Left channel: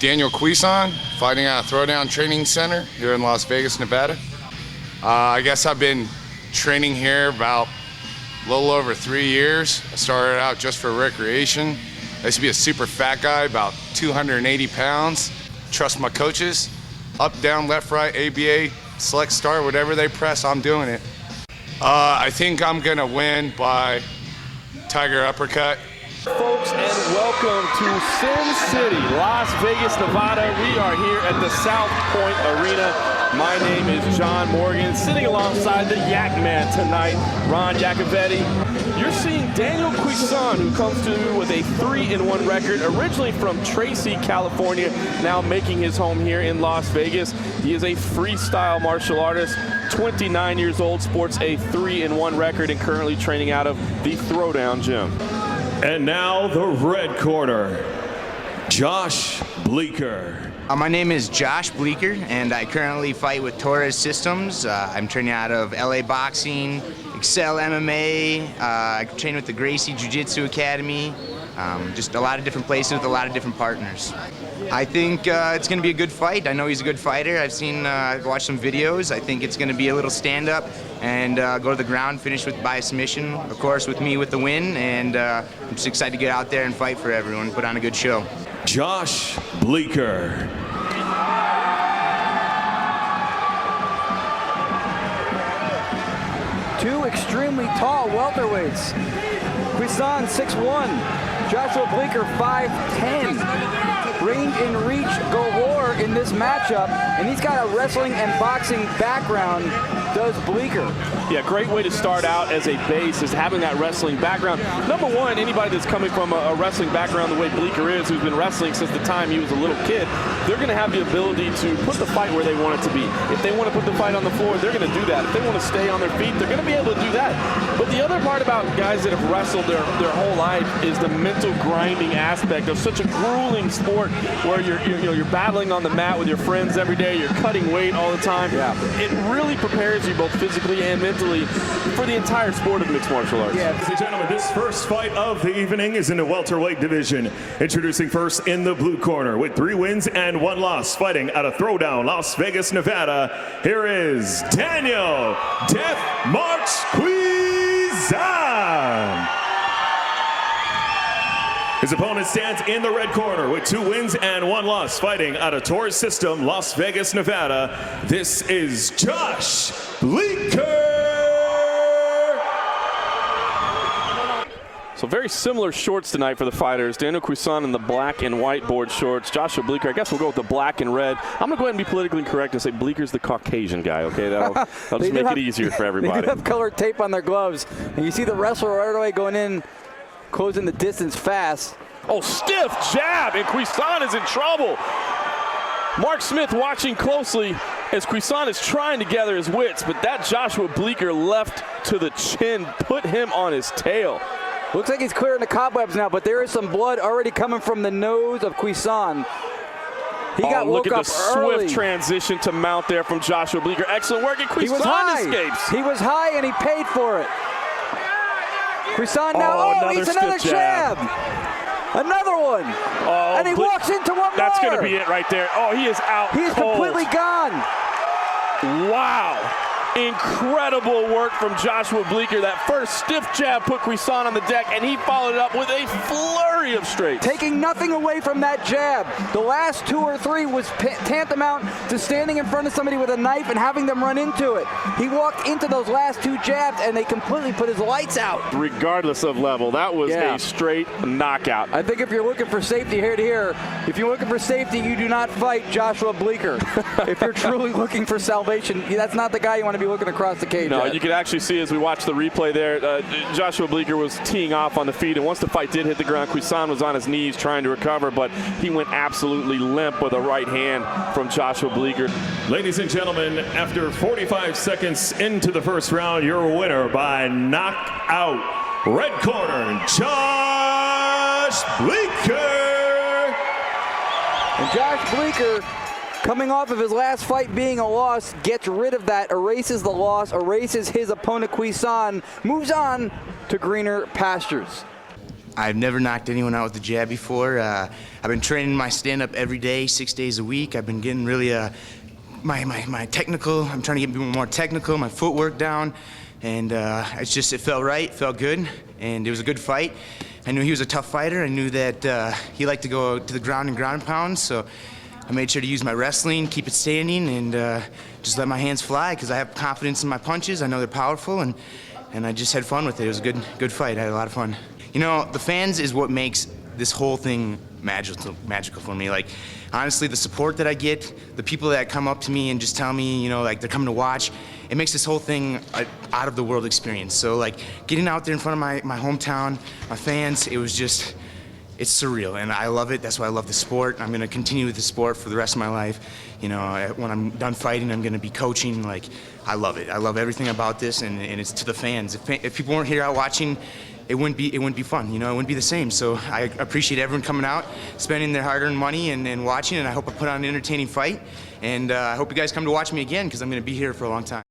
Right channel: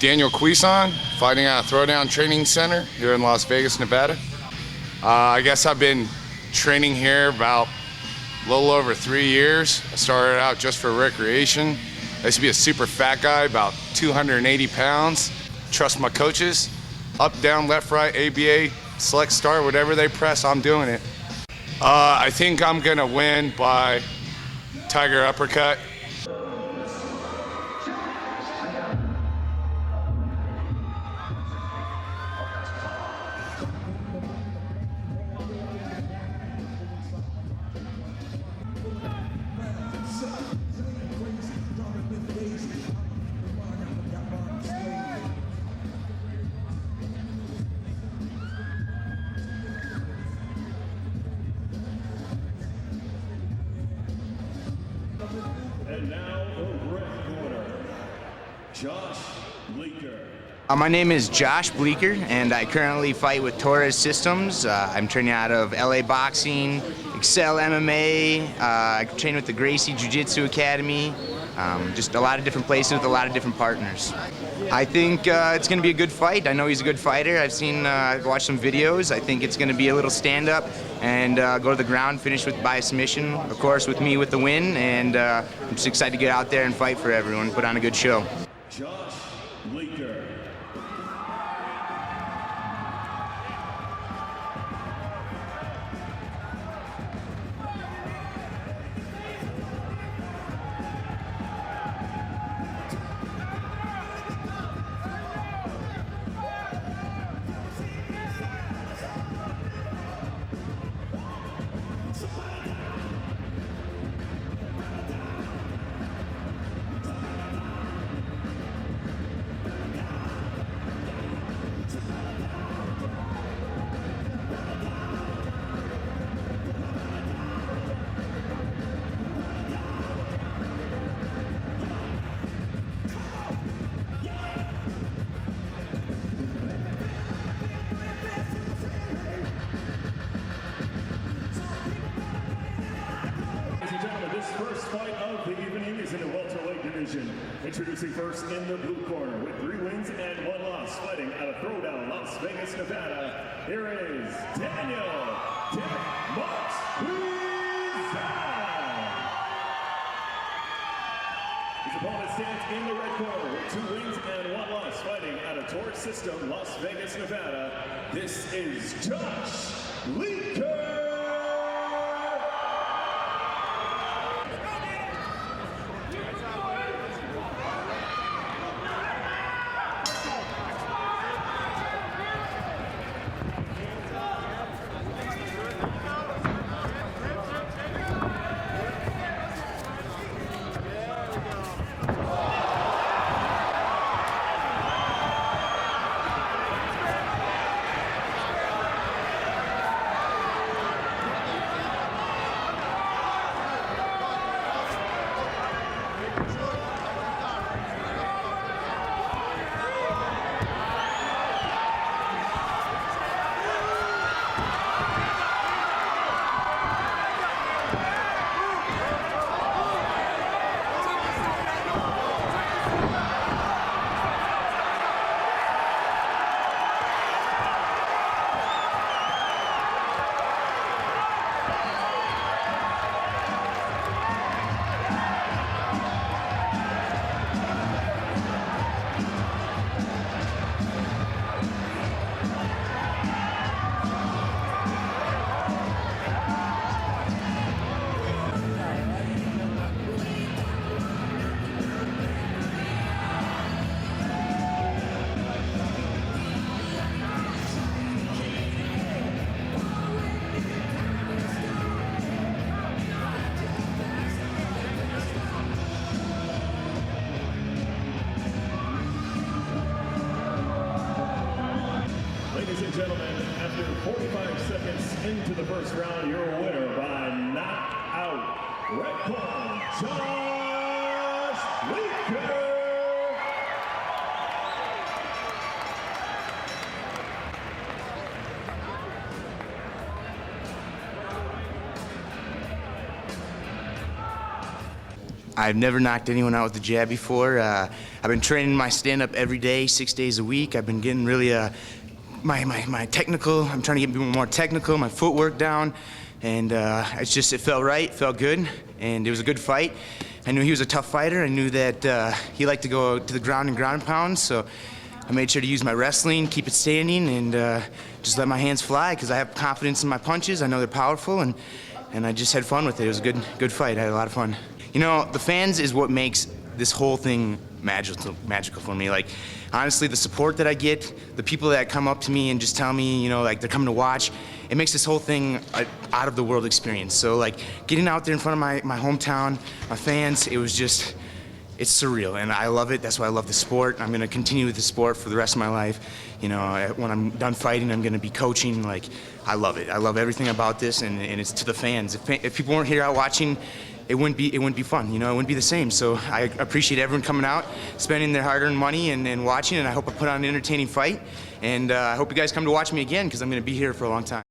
Daniel Cuison, fighting out of Throwdown Training Center here in Las Vegas, Nevada. I guess I've been training here about a little over 3 years. I started out just for recreation. I used to be a super fat guy, about 280 pounds. Trust my coaches. Up, down, left, right, ABA, select, start, whatever they press, I'm doing it. I think I'm gonna win by Tiger uppercut. Folks, and welcome to Sin City, Las Vegas, Nevada. We are here at the South Point Arena. My name is John Morgan, sitting alongside the Yak Man tonight, Ron Yacovetti. You're seeing Daniel Cuison, who comes to with a 3-1 record, originally from Tracy, California, now making his home here in Las Vegas. He is a freestyle martial artist, 29 years old, sports a 3-1 record, and currently training out of the Throwdown Gym. And now the red corner, Josh Bleeker. My name is Josh Bleeker, and I currently fight with Torres Systems. I'm training out of LA Boxing, Excel MMA. I train with the Gracie Jiu-Jitsu Academy. Just a lot of different places with a lot of different partners. I think it's going to be a good fight. I know he's a good fighter. I've watched some videos. I think it's going to be a little stand-up and go to the ground, finish by a submission, of course, with me with the win. And I'm just excited to get out there and fight for everyone, put on a good show. Josh Bleeker. Two extremely tall welterweights. Cuison 6'1", Joshua Bleeker 5'10". Range and reach galore in this matchup, and he's got a wrestling and boxing background, does Bleeker. Yeah, great way to start out as a base is having that wrestling background. Number one, anybody that's coming from a wrestling background the way Bleeker is, who's been wrestling since the time he was a little kid, they're going to have the ability to put the fight where they want it to be. If they want to put the fight on the floor, they're going to do that. If they want to stay on their feet, they're going to be able to do that. But the other part about guys that have wrestled their whole life is the mental grinding aspect of such a grueling sport where you're battling on the mat with your friends every day, you're cutting weight all the time. Yeah. It really prepares you both physically and mentally for the entire sport of mixed martial arts. Yeah. Ladies and gentlemen, this first fight of the evening is in the welterweight division. Introducing first in the blue corner with 3 wins and 1 loss, fighting out of Throwdown, Las Vegas, Nevada. Here is Daniel Death March Cuison. His opponent stands in the red corner with 2 wins and 1 loss, fighting out of Torres System, Las Vegas, Nevada. This is Josh Bleeker. So very similar shorts tonight for the fighters. Daniel Cuison in the black and white board shorts. Joshua Bleeker, I guess we'll go with the black and red. I'm going to go ahead and be politically correct and say Bleeker's the Caucasian guy, okay? That'll just make it easier for everybody. They do have colored tape on their gloves. And you see the wrestler right away going in, closing the distance fast. Oh, stiff jab, and Cuison is in trouble. Mark Smith watching closely as Cuison is trying to gather his wits, but that Joshua Bleeker left to the chin put him on his tail. Looks like he's clearing the cobwebs now, but there is some blood already coming from the nose of Cuison. He got look at the early. swift transition to mount there from Joshua Bleeker. Excellent work, and Cuison escapes. He was high, and he paid for it. Cuison now, he's another jab. Another one. Oh, and he walks into one That's more. going to be it right there. Oh, he is out He is completely gone. Wow. Incredible work from Joshua Bleeker. That first stiff jab put Cuison on the deck, and he followed it up with a flurry of straights. Taking nothing away from that jab. The last 2 or 3 was tantamount to standing in front of somebody with a knife and having them run into it. He walked into those last 2 jabs, and they completely put his lights out. Regardless of level, that was a straight knockout. I think if you're looking for safety here to here, if you're looking for safety, you do not fight Joshua Bleeker. If you're truly looking for salvation, that's not the guy you want to be looking across the cage. No, you can actually see as we watch the replay there, Joshua Bleeker was teeing off on the feet, and once the fight did hit the ground, Cuison was on his knees trying to recover, but he went absolutely limp with a right hand from Joshua Bleeker. Ladies and gentlemen, after 45 seconds into the first round, your winner by knockout, red corner, Josh Bleeker. And Josh Bleeker, coming off of his last fight being a loss, gets rid of that, erases the loss, erases his opponent Cuison, moves on to greener pastures. I've never knocked anyone out with the jab before. I've been training my stand-up every day, 6 days a week. I've been getting really my technical. I'm trying to get more technical, my footwork down, and it felt right, felt good, and it was a good fight. I knew he was a tough fighter. I knew that he liked to go to the ground and ground and pound, so I made sure to use my wrestling, keep it standing, and just let my hands fly because I have confidence in my punches. I know they're powerful, and I just had fun with it. It was a good fight. I had a lot of fun. You know, the fans is what makes this whole thing magical for me. Like, honestly, the support that I get, the people that come up to me and just tell me, you know, like they're coming to watch, it makes this whole thing an out-of-the-world experience. So, like, getting out there in front of my hometown, my fans, it's surreal, and I love it. That's why I love the sport. I'm going to continue with the sport for the rest of my life. You know, when I'm done fighting, I'm going to be coaching. Like, I love it. I love everything about this, and it's to the fans. If people weren't here out watching, it wouldn't be fun. You know, it wouldn't be the same. So I appreciate everyone coming out, spending their hard-earned money and watching, and I hope I put on an entertaining fight. And I hope you guys come to watch me again because I'm going to be here for a long time.